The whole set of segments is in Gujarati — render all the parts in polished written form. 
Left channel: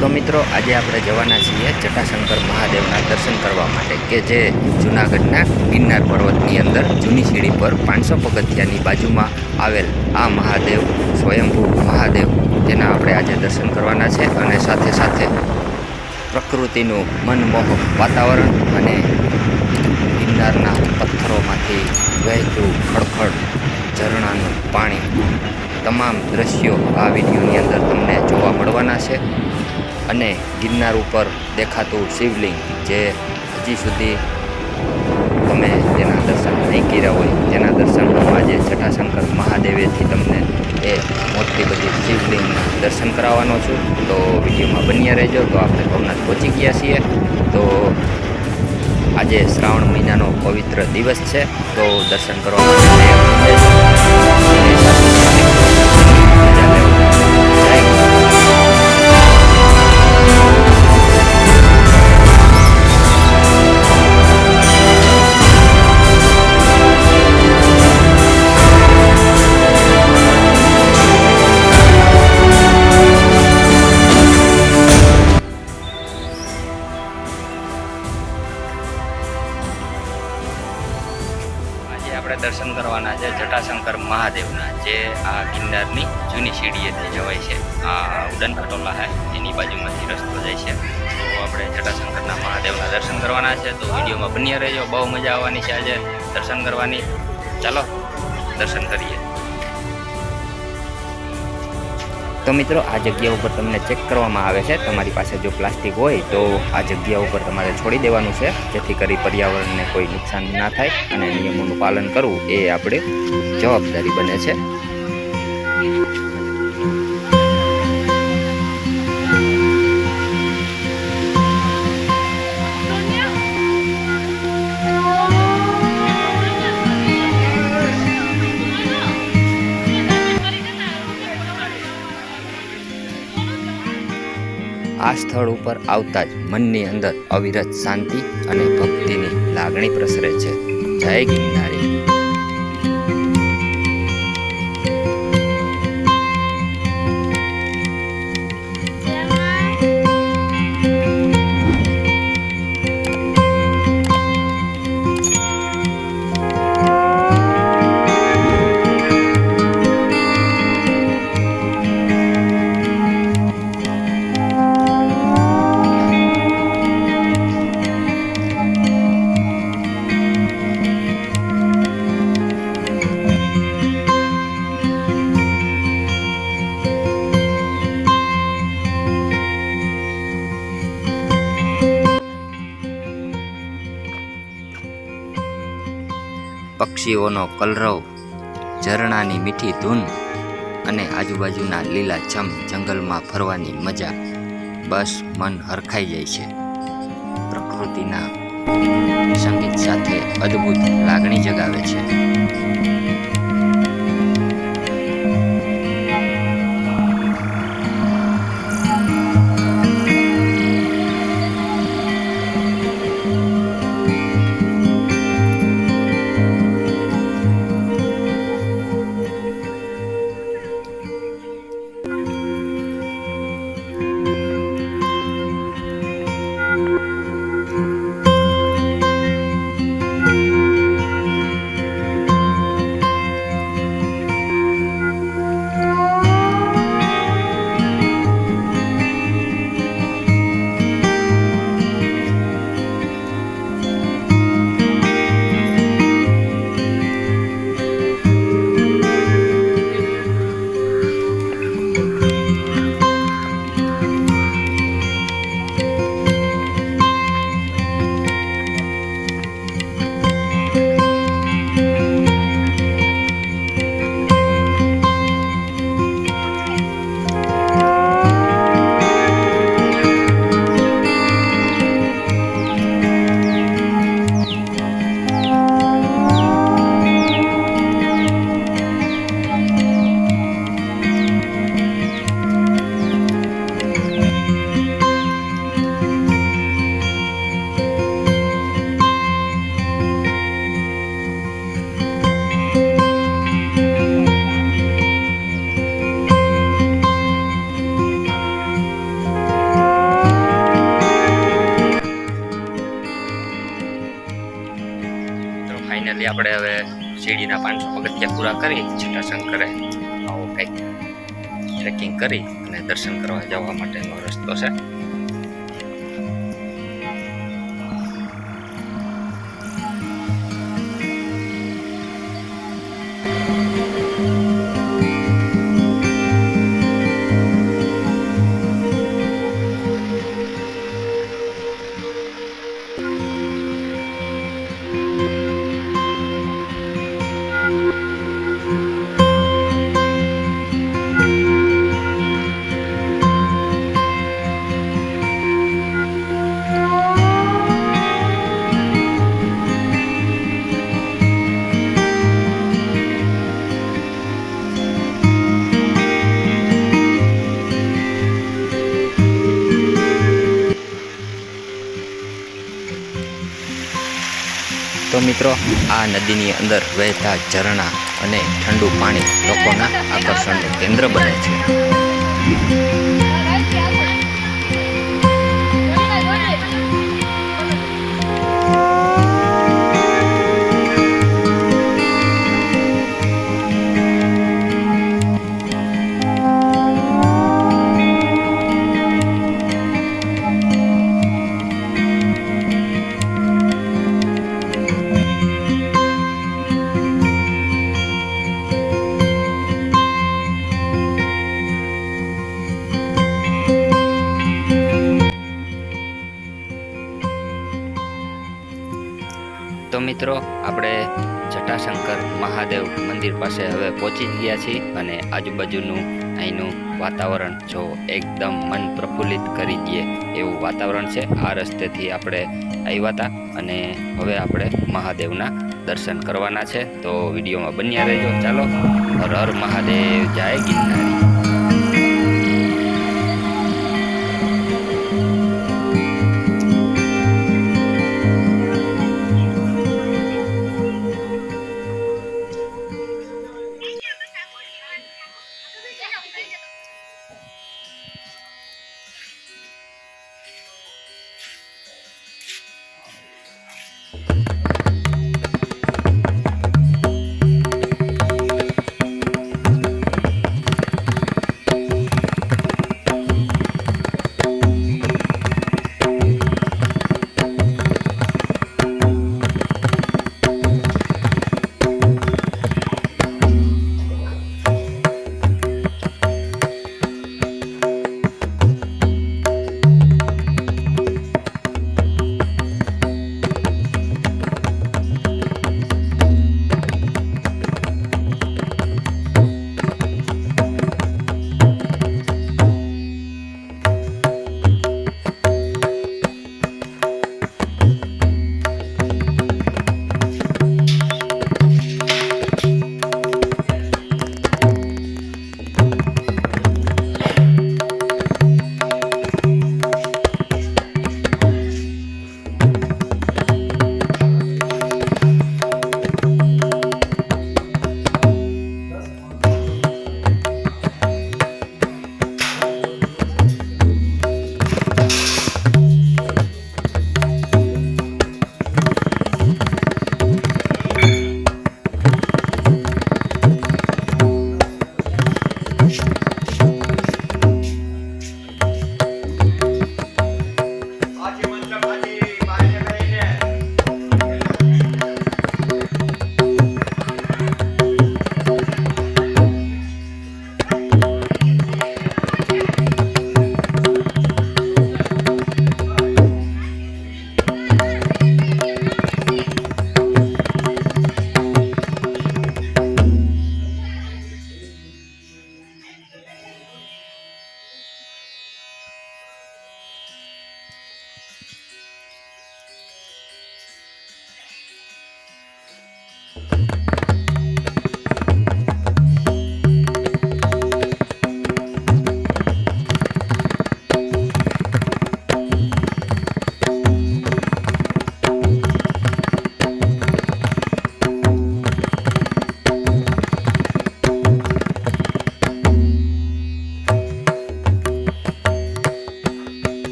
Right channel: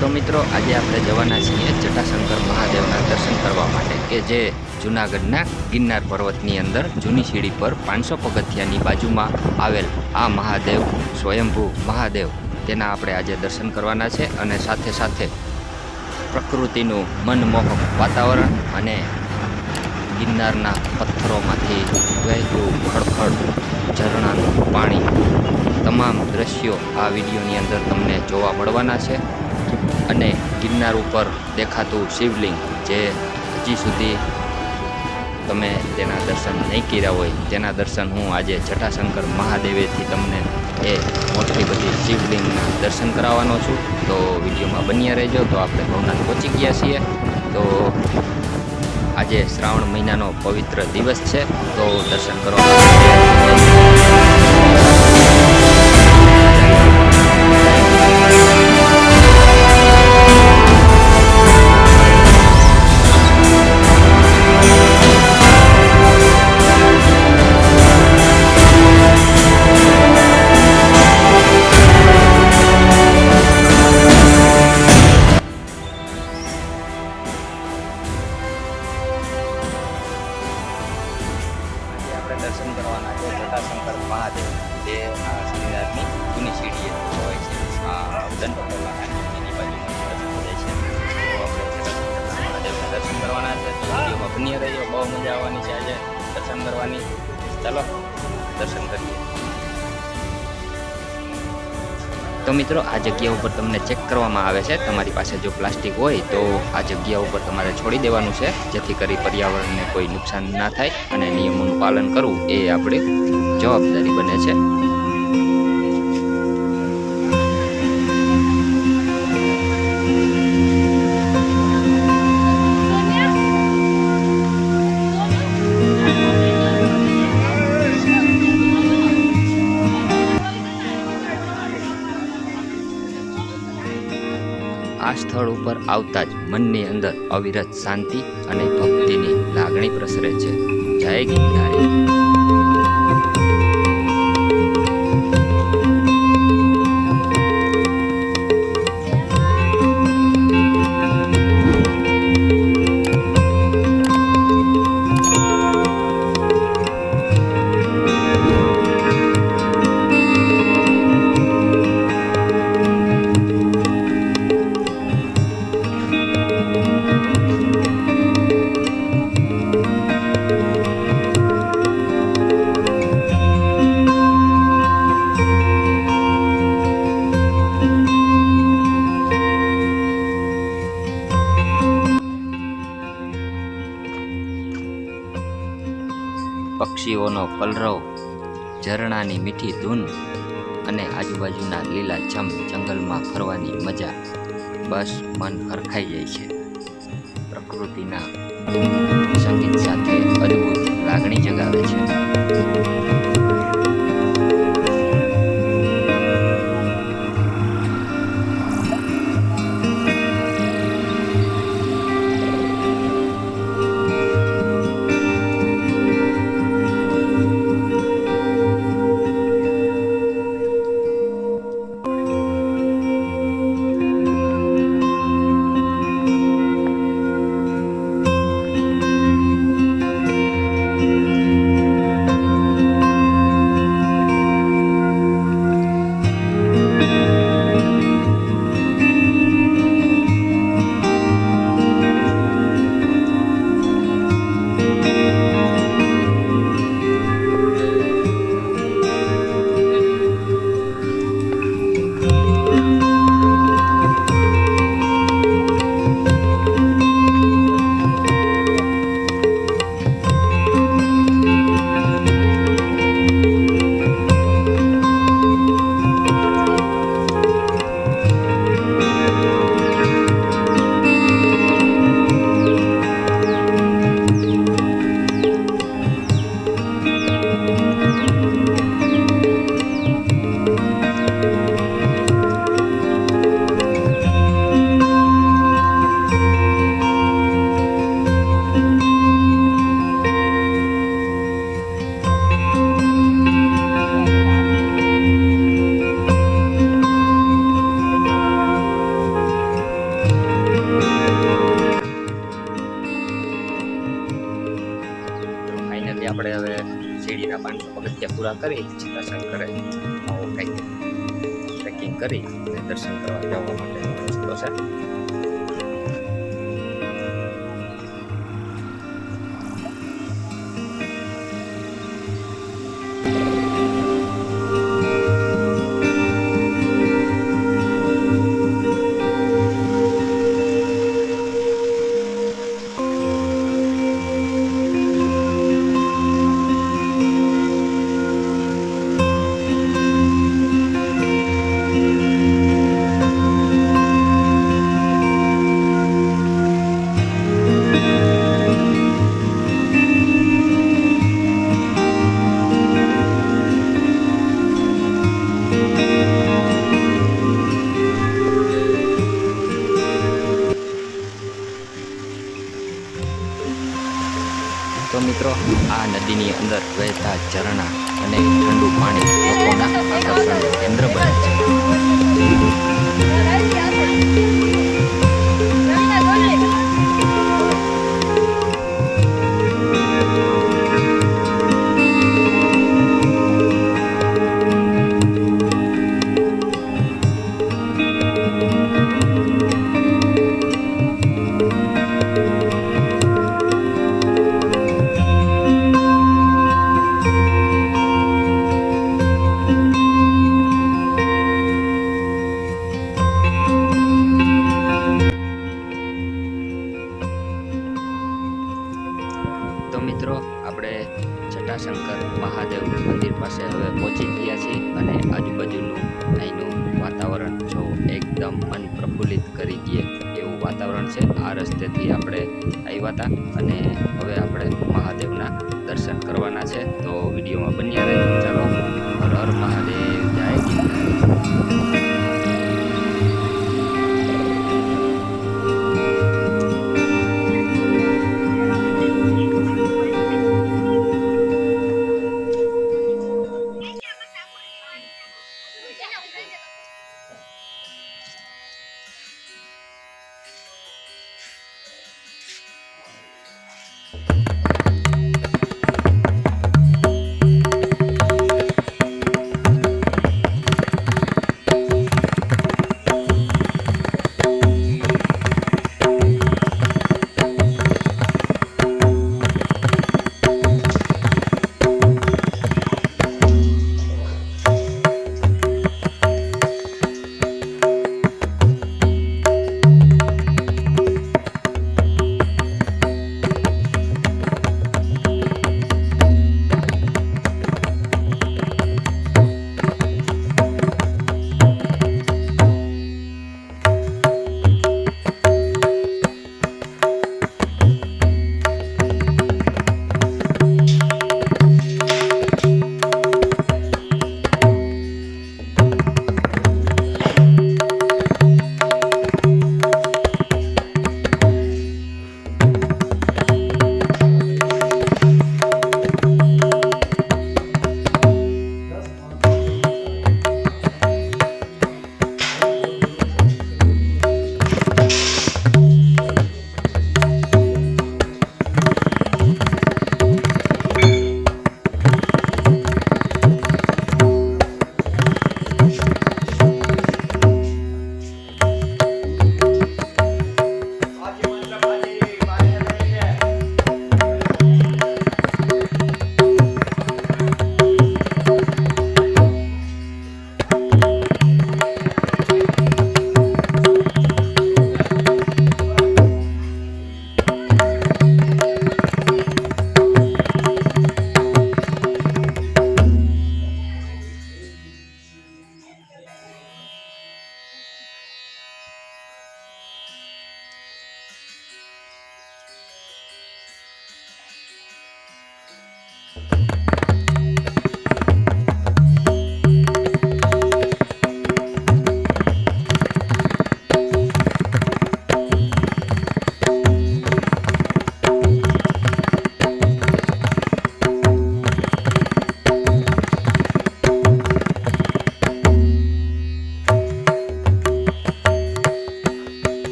તો મિત્રો આજે આપણે જવાના છીએ જટાશંકર મહાદેવના દર્શન કરવા માટે કે જે જૂનાગઢના ગિરનાર પર્વતની અંદર જૂની સીડી પર 500 પગથિયાની બાજુમાં આવેલ આ મહાદેવ સ્વયંભૂ મહાદેવ તેના આપણે આજે દર્શન કરવાના છે અને સાથે સાથે પ્રકૃતિનું મનમોહક વાતાવરણ અને ગિરનારના પથ્થરોમાંથી વહેતું ખડખડ ઝરણાનું પાણી તમામ દ્રશ્યો આ વિડીયોની અંદર તમને જોવા મળવાના છે અને ગિરનાર ઉપર દેખાતું શિવલિંગ જે હજી સુધી તમે તેના દર્શન નહીં કર્યા હોય તેના દર્શન હું આજે જટાશંકર મહાદેવેથી તમને એ મોટી બધી શિવલિંગના દર્શન કરાવવાનો છું. તો વિડીયોમાં બન્યા રહેજો. તો આપણે ભવનાથ પહોંચી ગયા છીએ. તો આજે શ્રાવણ મહિનાનો પવિત્ર દિવસ છે. તો દર્શન કરવા માટે દર્શન કરવાના છે જટાશંકર મહાદેવના, જે આ ગિરનારની જૂની સીડીએથી જવાય છે. આ ઉડન ખટોલા છે એની બાજુમાંથી રસ્તો જાય છે. તો આપણે જટાશંકરના મહાદેવના દર્શન કરવાના છે. તો વિડીયોમાં બન્યા રહેજો. બહુ મજા આવવાની છે આજે દર્શન કરવાની. ચાલો દર્શન કરીએ. તો મિત્રો આ જગ્યા ઉપર તમને ચેક કરવામાં આવે છે. તમારી પાસે જો પ્લાસ્ટિક હોય તો આ જગ્યા ઉપર તમારે છોડી દેવાનું છે, જેથી કરી પર્યાવરણને કોઈ નુકસાન ના થાય અને નિયમોનું પાલન કરવું એ આપણી જવાબદારી બને છે. આ સ્થળ ઉપર આવતા જ મનની અંદર અવિરત શાંતિ અને ભક્તિની લાગણી પ્રસરે છે. જય ગિરનારી. પક્ષીઓનો કલરવ, ઝરણાની મીઠી ધૂન અને આજુબાજુના લીલાછમ જંગલમાં ફરવાની મજા, બસ મન હરખાઈ જાય છે. પ્રકૃતિના સંગીત સાથે અદ્ભુત લાગણી જગાવે છે. આપણે હવે શિરડીના 500 પગથિયા પૂરા કરી જટાશંકરે આવો કંઈક ટ્રેકિંગ કરી અને દર્શન કરવા જવા માટેનો રસ્તો છે. તો મિત્રો, આ નદીની અંદર વહેતા ઝરણા અને ઠંડુ પાણી લોકોના આકર્ષણનું કેન્દ્ર બને છે. તો મિત્રો, આપણે જટાશંકર મહાદેવ મંદિર પાસે હવે પહોંચી ગયા છીએ અને આજુબાજુનું અહીંનું વાતાવરણ જો એકદમ મન પ્રફુલ્લિત કરી દે એવું વાતાવરણ છે. આ રસ્તેથી આપણે આવ્યા હતા અને હવે આપણે મહાદેવના દર્શન કરવાના છે. તો વિડીયોમાં બન્યા રહેજો. ચાલો, હર હર મહાદેવ, જય ગિરનારી.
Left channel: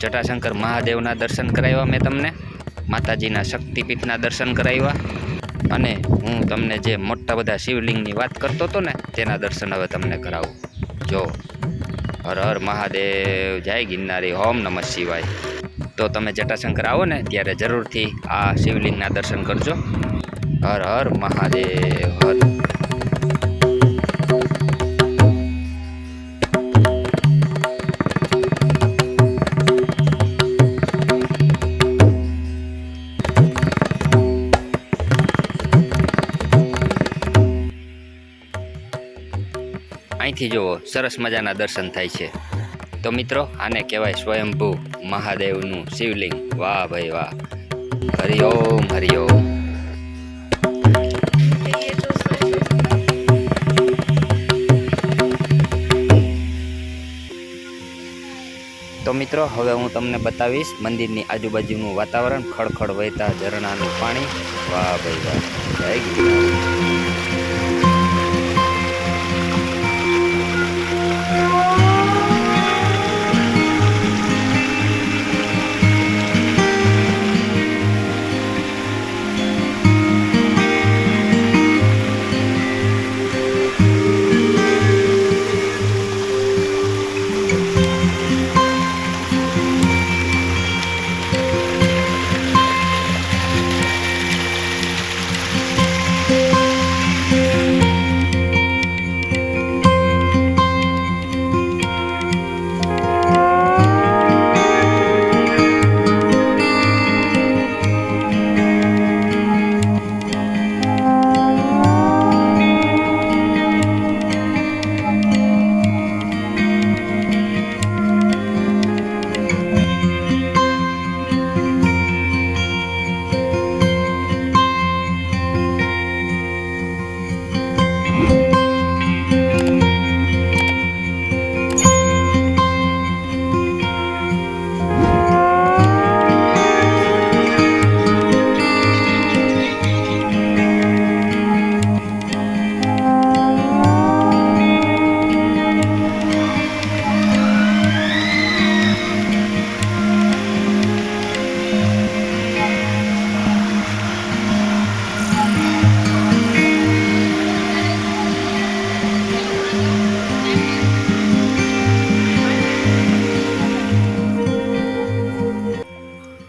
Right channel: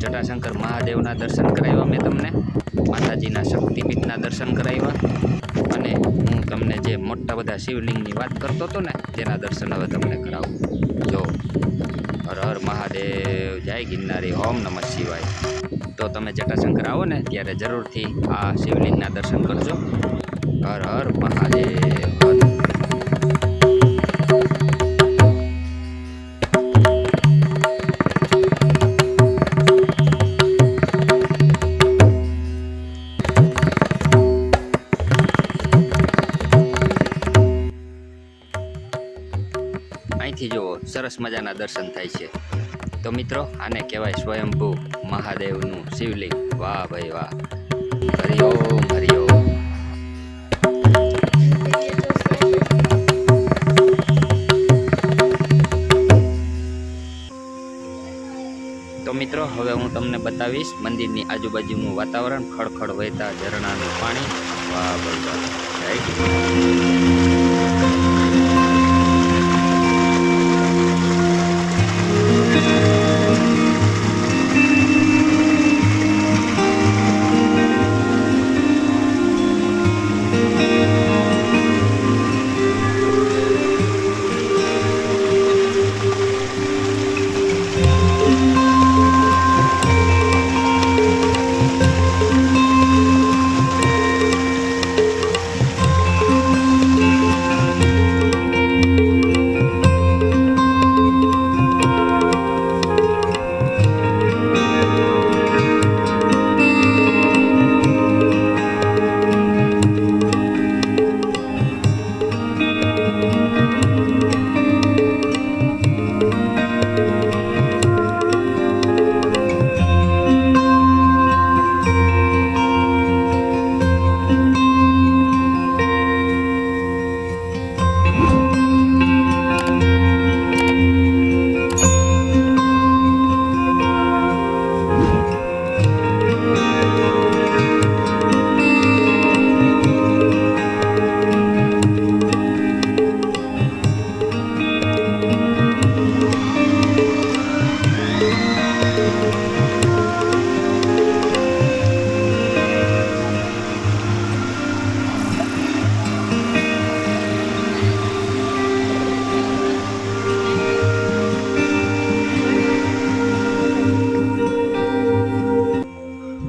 જટાશંકર મહાદેવના દર્શન કરાવ્યા મેં તમને, માતાજીના શક્તિપીઠના દર્શન કરાવ્યા, અને હું તમને જે મોટા બધા શિવલિંગની વાત કરતો હતો ને તેના દર્શન હવે તમને કરાવું. જો હર હર મહાદેવ, જય ગિરનારી, ઓમ નમઃ શિવાય. તો તમે જટાશંકર આવો ને ત્યારે જરૂરથી આ શિવલિંગના દર્શન કરજો. હર હર મહાદેવ હર. અહીંથી જુઓ સરસ મજાના દર્શન થાય છે. તો મિત્રો આને કહેવાય સ્વયંભૂ મહાદેવનું શિવલિંગ. વાહ ભાઈ વાહ, હરિઓમ હરિઓમ. તો મિત્રો હવે હું તમને બતાવીશ મંદિરની આજુબાજુનું વાતાવરણ, ખળખળ વહેતા ઝરણાનું પાણી. વાહ ભાઈ વાહ, જય ગિરનાર.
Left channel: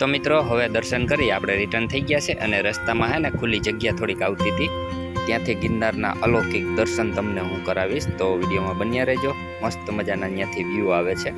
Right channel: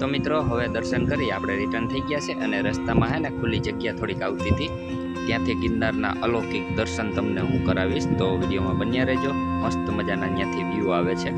તો મિત્રો હવે દર્શન કરી આપણે રિટર્ન થઈ ગયા છે, અને રસ્તામાં હે ને ખુલ્લી જગ્યા થોડીક આવતી હતી, ત્યાંથી ગિરનારના અલૌકિક દર્શન તમને હું કરાવીશ. તો વિડીયોમાં બન્યા રહેજો. મસ્ત મજાના ત્યાંથી વ્યૂ આવે છે.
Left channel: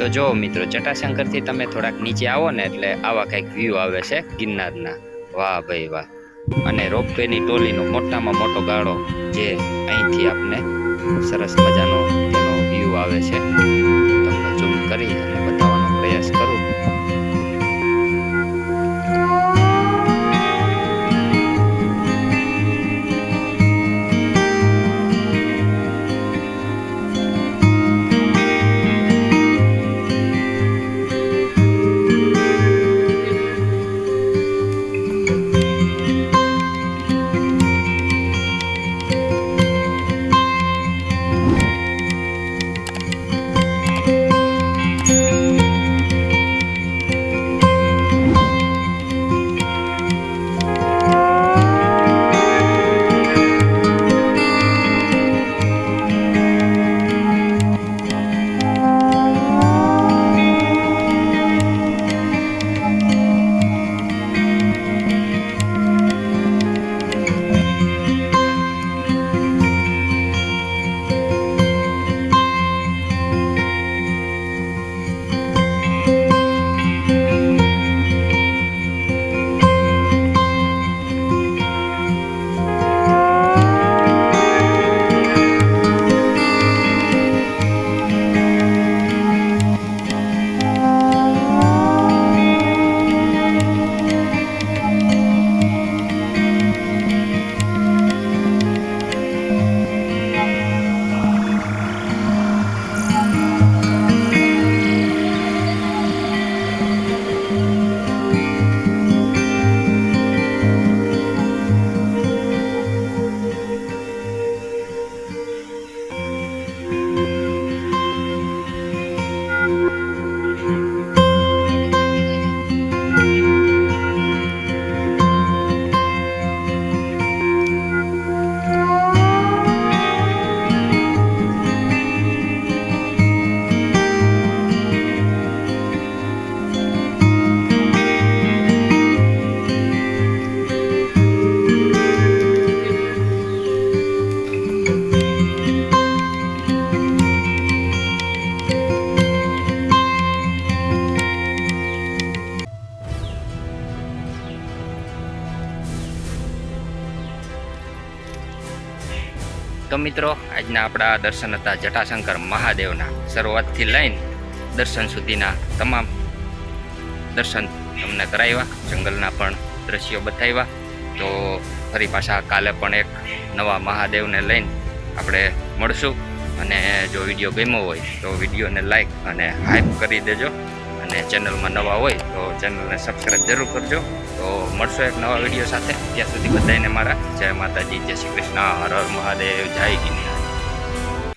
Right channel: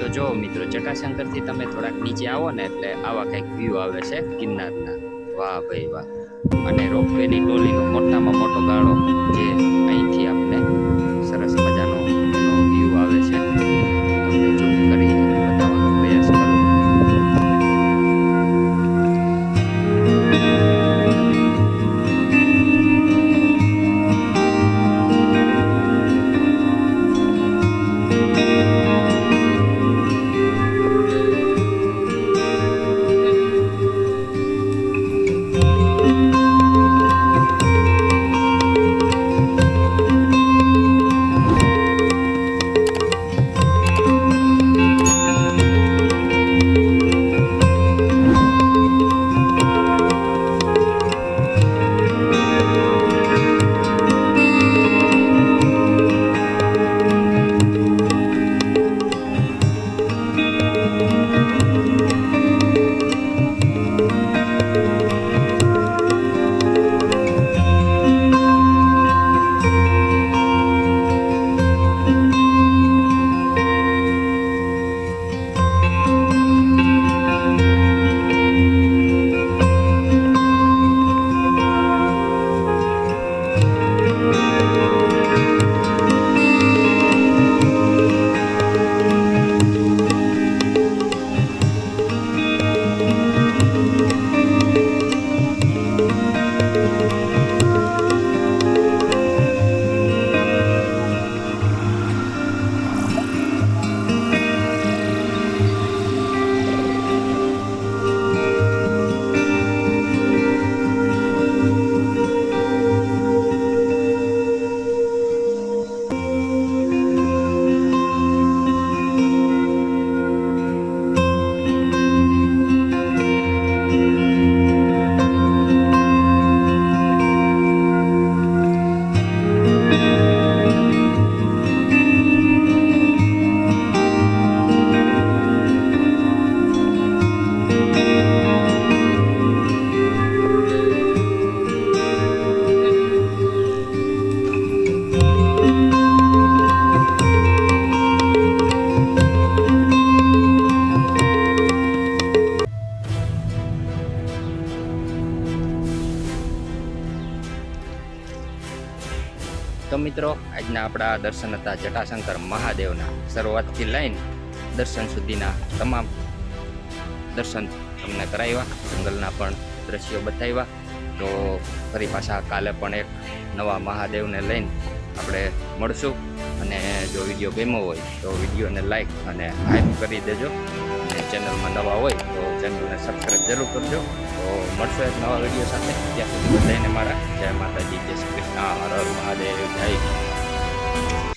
તો જો મિત્રો જટાશંકરથી તમે થોડાક નીચે આવો ને એટલે આવા કંઈક વ્યૂ આવે છે ગિરનારના. વાહ ભાઈ વાહ. અને રોપવેની ટોલીનો મોટામાં મોટો ગાળો જે અહીંથી આપને સરસ મજાનો એનો વ્યૂ આવે છે. તમને ઝૂમ કરી અને બતાવવાનો પ્રયાસ કરું. તો મિત્રો, આજના આપણા દર્શન હતા જટાશંકર મહાદેવના. શરૂઆતથી લઈને દર્શન સુધીના તમામ દર્શન તમને કરાવ્યા, જંગલના પણ દ્રશ્યો બતાવ્યા. તો ફરી પાછા કાલે પણ એક નવા મહાદેવને લઈને આપણે મળશું. અને જો વિડીયો ગમ્યો હોય તો વિડીયોને લાઈક અને હાઈપ કરી દેજો, અને ચેનલમાં નવા હોય તો ચેનલને સબસ્ક્રાઈબ જરૂર કરજો. તો મળશો એક નવા વિડીયો સાથે. ત્યાં સુધી બધાને મારા જય માતાજી, જય શ્રી કૃષ્ણ, હર હર મહાદેવ, જય હિન્દ.